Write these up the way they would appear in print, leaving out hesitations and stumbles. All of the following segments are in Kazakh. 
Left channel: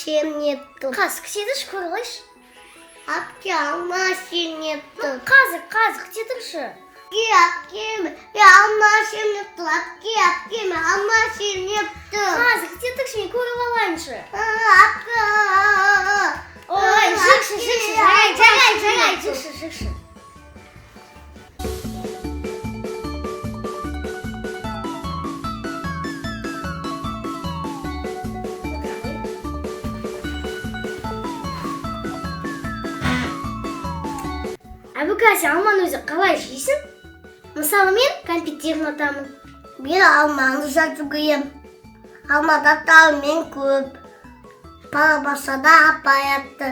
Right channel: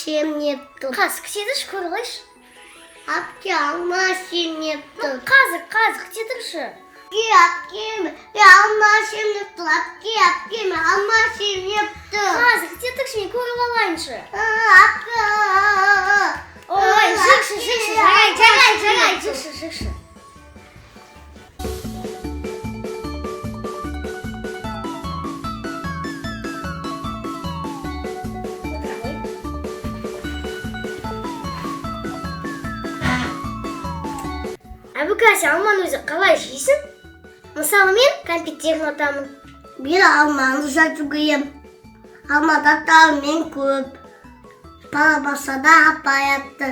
машин нету. Қазық тедірші көрілайшы. Апке, машин нету. Қазық тедірші. Апке, машин нету. Апке, машин нету. Қазық тедірші, не көріп алайыншы. Апке. Ой, жарай, жықшы. Әбіка, сен алманы өзі қалай жейсің? Мысалы мен кәмпиттерін атамын. Мен алманы жатып күйем. Алмада талмен көп. Парабасада апаятты.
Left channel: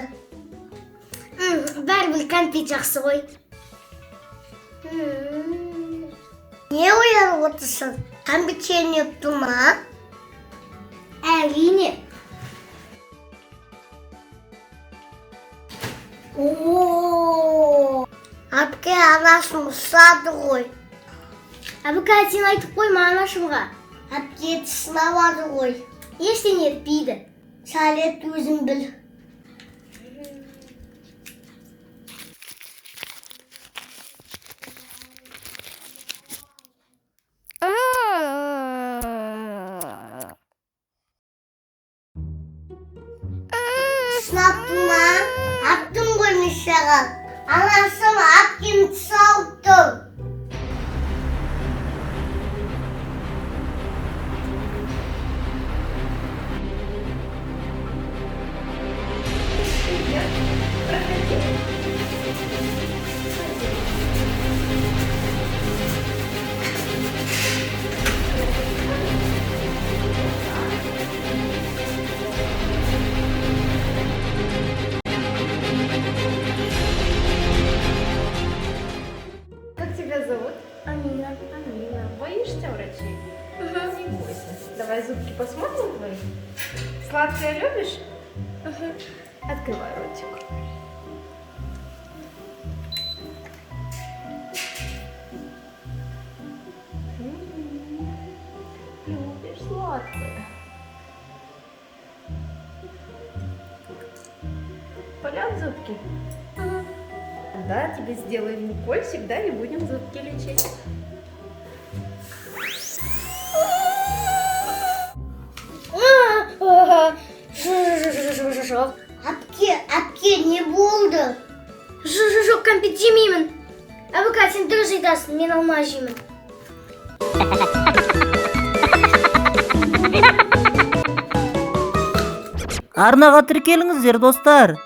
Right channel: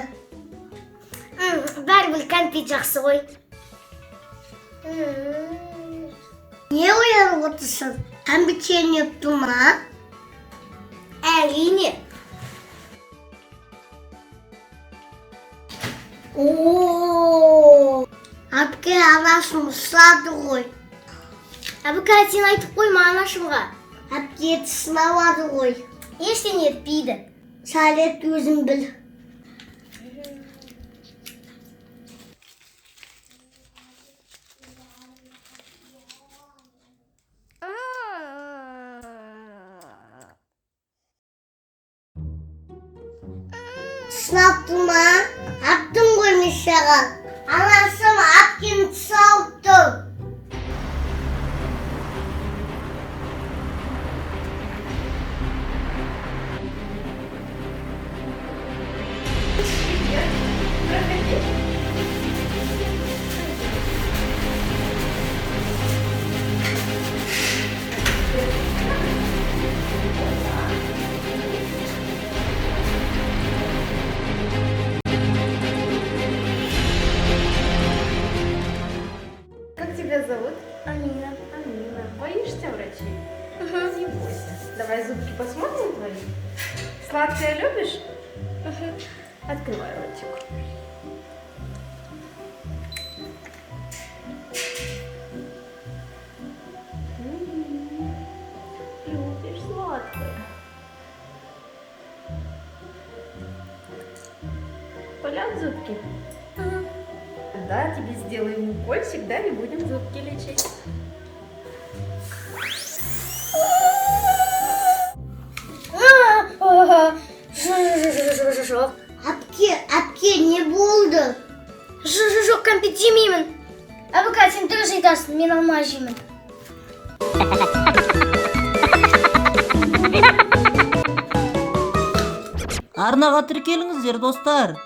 Бәрі бұл кәмпит жақсы ғой. Не оянып отырсың? Кәмпит сен епті ма? Әрине. Апке, анашым ұстады ғой. Әбіка, сен айтып қойма анашымға. Апке, сынавады ғой. Ештеңе етпейді. Сәлет өзің біл. Сынаптың ма? Аптың ғой мешаға. Анашым апкені тұсауды. Как тебя зовут? Амина. Амина. Боишься врачей? Не бойся. Давай зубки посмотрим твои. Сладкое любишь? Открывай ротик. Любишь сладкое. Болят зубки? Да, тебе сделаем укольчик, да, и будем зубки лечить. Апке, не болды. Жоқ, кәмпит жемеймін. Әбіка, сен дұрыс айтасың, мен алма жеймін. Арнаға тіркеліңіздер достар.